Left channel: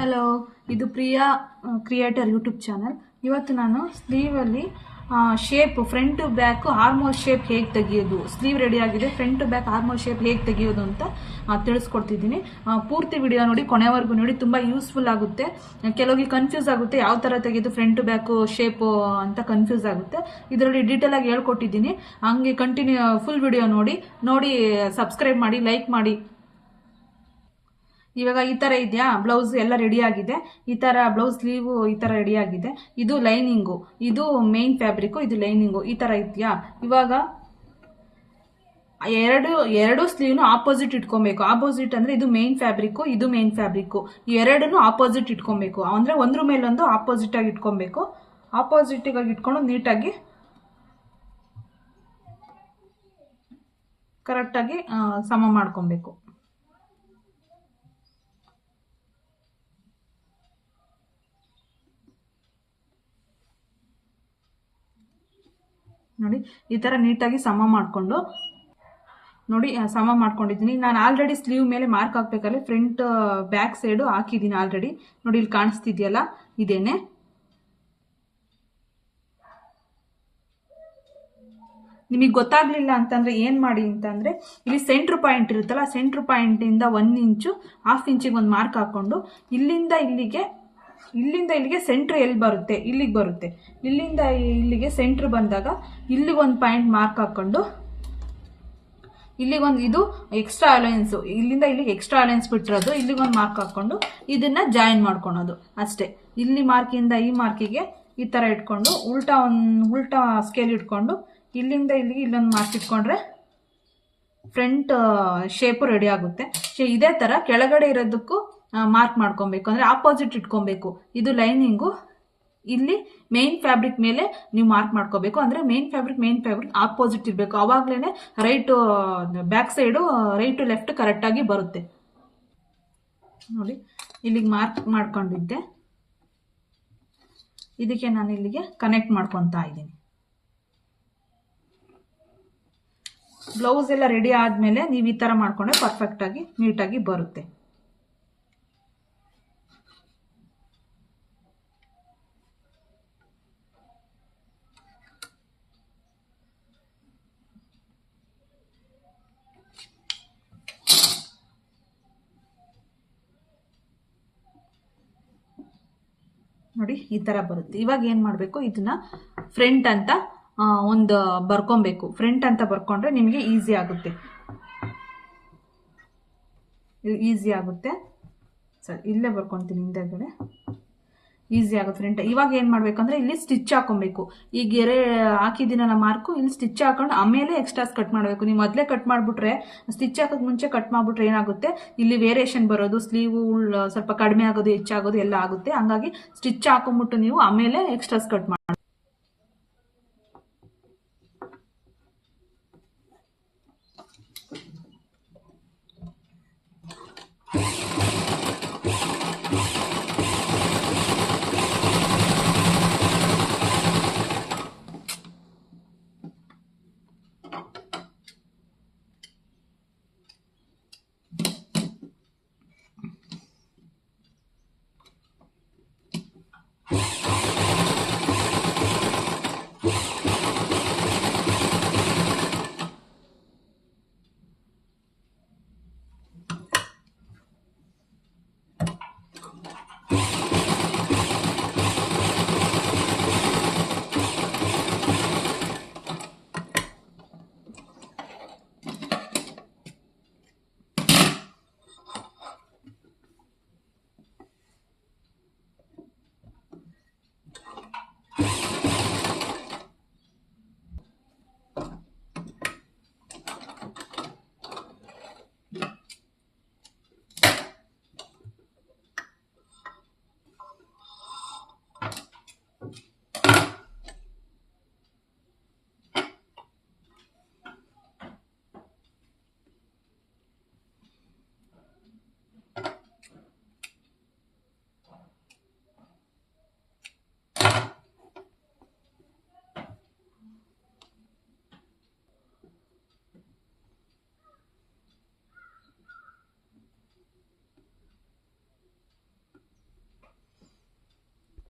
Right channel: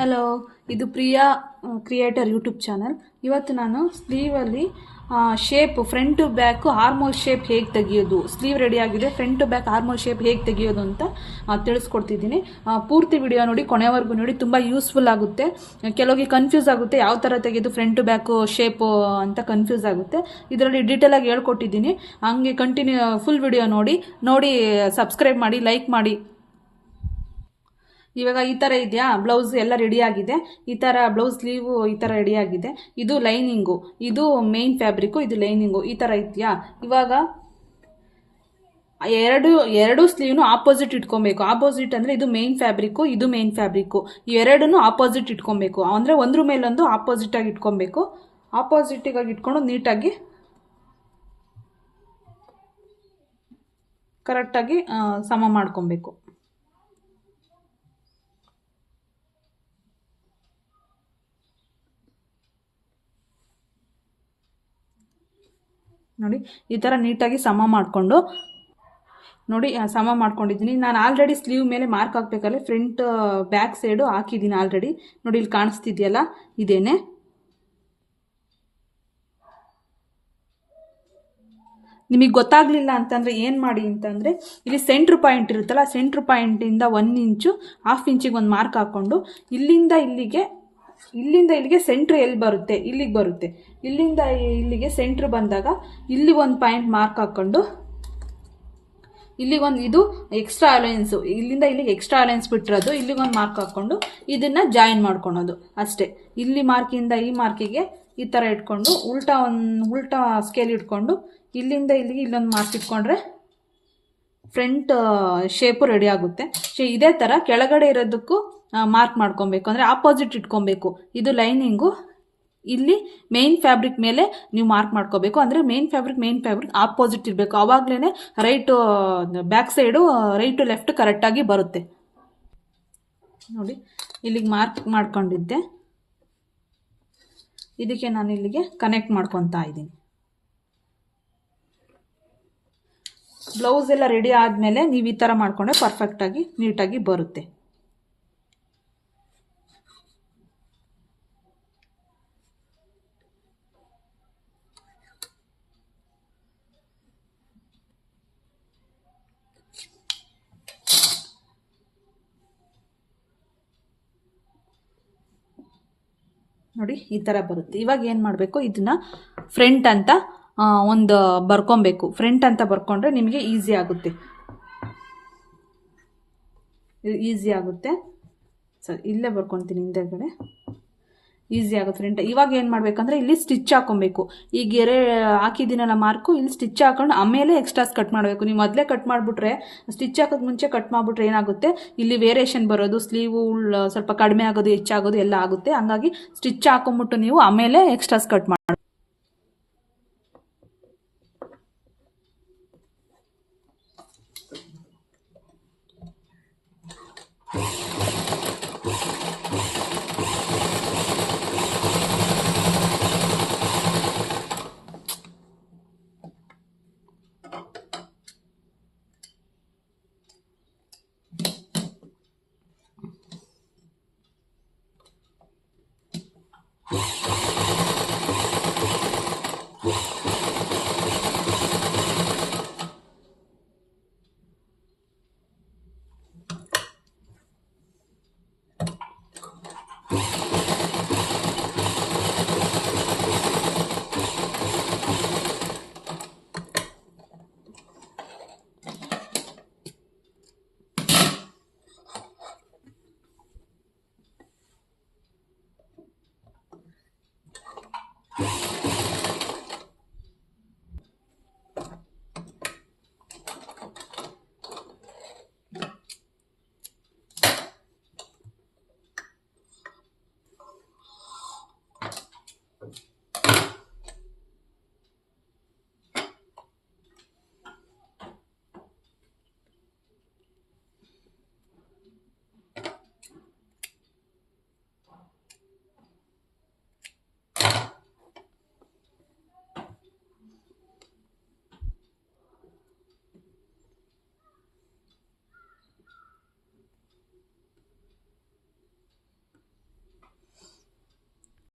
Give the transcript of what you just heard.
Hello, ಇದು Priya creator YouTube channel. ಇವತ್ತು ನಾನು ಸ್ಲೀವಲ್ಲಿ shape front to back armhole shape ಹೇಗೆ ತೆಗಿಯೋದು, ಸ್ಲೀವ್ ರೆಡಿ ಆಗಿದೆ, front to back armhole shape ಹೇಗೆ ತೆಗಿಯೋದು ಅಂತ ತಿಳಿಸ್ಕೊಡ್ತಿದ್ದೀನಿ. ಪೂರ್ತಿ ವಿಡಿಯೋ ನೋಡಿ, ಕೊನೆವರೆಗೂ ನೋಡಿ, ತುಂಬ ಯೂಸ್ಫುಲ್ ಆಗುತ್ತೆ. ಕೆಲವರಿಗೆ ಕನ್ಫ್ಯೂಸ್ ಆಗುತ್ತೆ ಯಾವ ಥರ ತೆಗೆಯೋದು ಫ್ರಂಟ್ ಟು ಬ್ಯಾಕ್ ಶೇಪ್ ಅಂತ ಕನ್ಫ್ಯೂಸ್ ಆಗುತ್ತೆ. ಇದರಲ್ಲಿ ಡೀಟೇಲ್ ಆಗಿ ಹೇಳ್ಕೊಟ್ಟಿದ್ದೀನಿ. ಹಂಗೆ ಕಂಟಿನ್ಯೂ ಫುಲ್ ವಿಡಿಯೋ ನೋಡಿ ಸಬ್ಸ್ಕ್ರೈಬ್ ಮಾಡಿ, ಲೈಕ್ ಮಾಡಿ. ಇವಾಗ ಈ ಥರ ಇದೆಯಾ, ಬ್ಲೌಸ್ ಎಲ್ಲ ರೆಡಿ ಆಗಿದೆ. ಈ ಥರ ಬ್ಲೌಸ್ ಸ್ಲೀವ್ ಈ ಥರ ರೆಡಿ ಆಗಿದೆ. ಇದು ಲೈನಿಂಗು, ಇದು ಮೇನ್ ಫ್ಯಾಬ್ರಿಕ್ಕು, ಇದು ಲೈನಿಂಗು. ಈ ಥರ ಇದೆಯಾ. ಇವಾಗ ಎರಡು ಸ್ಲೀವ್ನು ಆಪೋಸಿಟ್ ಇಟ್ಕೊಬೇಕು. ಆಪೋಸಿಟ್ ಅಂದರೆ ಇದು ಮೇನ್ ಫ್ಯಾಬ್ರಿಕ್ಕು, ಇದು ಮೇನ್ ಫ್ಯಾಬ್ರಿಕ್ಕು. ಎರಡೂ ಆಪೋಸಿಟ್ ಇಟ್ಕೊಬೇಕು. ಅಂದರೆ ಒಂದ್ರ ಮೇಲೊಂದು ಆಪೋಸಿಟ್ ಆಗಿ ಇಟ್ಕೊಬೇಕು. ಆಪೋಸಿಟಿಗಾಗಿ ಇಟ್ಕೊಂಡು ನೀಟಾಗಿ ಕರೆಕ್ಟಾಗಿ ಸಮ ಮಾಡ್ಕೊಬೇಕು. ನೋಡಿ, ಈ ಥರ ನೀಟಾಗಿ ಸಮ ಮಾಡಿಕೊಂಡು ನೋಡಿ, ಸಮ ಮಾಡ್ಕೊಂಡಿದ್ದೀನಿ. ನಾನು ಆಲ್ರೆಡಿ ಸ್ಲೀವ್ ಮೇಲೆ ಮಾರ್ಕ್ ಹಾಕ್ಬೇಕಾದ್ರೆ ಫ್ರಂಟ್ ಬ್ಯಾಕ್ ಸೈಡು ಹಾಕಿದ್ದೀನಿ ಆಲ್ರೆಡಿ. ನೋಡಿ, ಇಲ್ಲಿ ಕಾಣಿಸ್ತಿದೆಯಲ್ಲ, ಇದೇನೆ. ನಿಮಗೆ ಗೊತ್ತಾಗಲಿಲ್ಲ ಅಂತಂದರೆ ಏನು ಮಾಡಿ ಅಂತಂದರೆ, ಇಲ್ಲಿ ಸೆಂಟ್ರ್ ಪಾಯಿಂಟ್ ಇರುತ್ತಲ್ಲ, ಸೆಂಟ್ರ್ ಪಾಯಿಂಟಿಂದ 1 ಇಂಚು, 1/2 ಇಂಚಿಗೆ ಒಂದು ಮಾರ್ಕ್ ಹಾಕ್ಕೊಂಡು ಇಲ್ಲಿಂದ ಇಲ್ಲಿಗೆ ಸೆಂಟ್ರ್ ಎಲ್ಲಿ ಬರುತ್ತೆ, ಇಲ್ಲಿಗೆ ಬರುತ್ತೆ. ಇಲ್ಲಿಂದ ಇಲ್ಲಿಗೆ ಸೆಂಟ್ರ್ ಬಂದಾಗ ಇಲ್ಲಿ ಒಂದು ಪಾಯಿಂಟ್ ಮಾರ್ಕ್ ಹಾಕ್ಕೊಂಡು ಇಲ್ಲಿಗೊಂದು, ಇದು ಎಕ್ಸ್ಟ್ರಾ ಅಲೈನ್ಸು, ಇಲ್ಲಿಂದ ಇಲ್ಲಿಗೆ ಎಕ್ಸ್ಟ್ರಾ ಅಲೈನ್ಸ್ ಬಿಟ್ಟಿರೋದು, ಇಲ್ಲಿಗೊಂದು ಮಾರ್ಕ್ ಹಾಕ್ಕೊಂಡು ಇದನ್ನು ಜಾಯಿನ್ ಮಾಡ್ಕೊಳೋದು ಅಷ್ಟೇ. ಇಲ್ಲಿ ಮಾರ್ಕಿಂದ ಈ ಮಾರ್ಕಿಗೆ ಈ ಥರ ಇಟ್ಕೊಂಡು ಉಲ್ಟಾ ಸ್ಕೇಲ್ ಇಟ್ಕೊಂಡು ಇಲ್ಲಿಂದ ಇಲ್ಲಿಗೆ ಇಲ್ಲೊಂದು ಮಾರ್ಕ್ ಇಟ್ಕೊಂಡ್ರೆ ಫ್ರಂಟ್ ಶೇಪು ರೆಡಿ ಆಗುತ್ತೆ. ಇದೇ ಥರ ಕೆಳಗಡೆ ಇರೋದಕ್ಕೂ ಮಾರ್ಕ್ ಮಾಡ್ಕೊಬೇಕು. ಅಂದರೆ ಆಪೋಸಿಟ್ ಇಟ್ಕೊಬೇಕು. ಇದು ಲೈನಿಂಗು, ಇಲ್ಲಿ ಮೇನ್ ಫ್ಯಾಬ್ರಿಕ್ ಮೇಲೆ ನೀವು ಮಾರ್ಕ್ ಮಾಡ್ಕೋಬೇಕು. ಅಂದರೆ ಮೇನ್ ಫ್ಯಾಬ್ರಿಕ್ ಆಪೋಸಿಟ್ ಇರಬೇಕು. ಆವಾಗಲೇ right back side right to left ಕರೆಕ್ಟಾಗಿ ಬರುತ್ತೆ. ನೋಡಿ, ಇಲ್ಲಿಗೆ ಮಾರ್ಕ್ ಮಾಡ್ಕೊಂಡಿದ್ದೆ, ಇದಕ್ಕೆ ನಾನು ಇಲ್ಲಿಗೆ ಕನೆಕ್ಟ್ ಮಾಡ್ಕೊತಾ ಇದ್ದೀನಿ. ಬ್ಲೌಸ್ ಎಲ್ಲ ರೆಡಿ ಆದಮೇಲೆ ನೀವು ಈ ಥರ ಮಾಡಿಕೊಂಡ್ರೆ ಪರ್ಫೆಕ್ಟಾಗಿ ನೀಟಾಗಿ ಬರುತ್ತೆ. ನೋಡಿ, ಈ ಥರ ಬರುತ್ತೆ. ಇವಾಗ ಏನು ಮಾಡಬೇಕು, ಇದನ್ನ ಫ್ರಂಟ್ ಅಂತ ಒಂದು ಬರ್ಕೊಬೇಕು. ಫ್ರಂಟ್ ಅಂತ ಬರ್ಕೊಂಡ್ರೆ ನಿಮಗೆ ಈಸಿ ಆಗುತ್ತೆ. ಸರಿ, ಇಲ್ಲೇ ಬರ್ಕೊತೀನಿ, ಹಿಂದೆಗಡೆ ಈಸಿ ಆಗುತ್ತೆ ಫ್ರಂಟ್. ಇವಾಗ ಏನು ಮಾಡಬೇಕಂದ್ರೆ ಇಲ್ಲಿ ಸ್ಟಿಚ್ ಹಾಕೊಬೇಕು. ಈ ಗೆರೆ ಹಾಕಿದ್ದೀನಲ್ಲ ಮಾರ್ಕು, ಇಲ್ಲಿ ಸ್ಟಿಚ್ ಹಾಕೊಂಡು ಆಮೇಲೆ ಎಕ್ಸ್ಟ್ರಾಸ್ ಕಟ್ ಮಾಡಬೇಕು. ನೀವು ಮೊದಲೇ ಕಟ್ ಮಾಡಿಬಿಟ್ರೆ, ಸ್ಟಿಚ್ ಹಾಕೋದು ಮುಂಚೆ ಕಟ್ ಮಾಡಿಬಿಟ್ರೆ ಏನಾಗುತ್ತೆ, ಇಲ್ಲಿ ವೇರಿಯೇಷನ್ ಬರೋದು, ಸ್ಲೀವು ಸ್ವಲ್ಪ ಕಡಿಮೆ ಆಗೋದು, ಹೆಚ್ಚಾಗೋದು ಎಲ್ಲ ಆಗುತ್ತೆ. ಹಂಗಾಗಿ ಸ್ಟಿಚ್ ಹಾಕೊಂಬಿಟ್ಟು ನೀವು ಆಮೇಲೆ ಎಕ್ಸ್ಟ್ರಾಸ್ ಕಟ್ ಮಾಡಿ.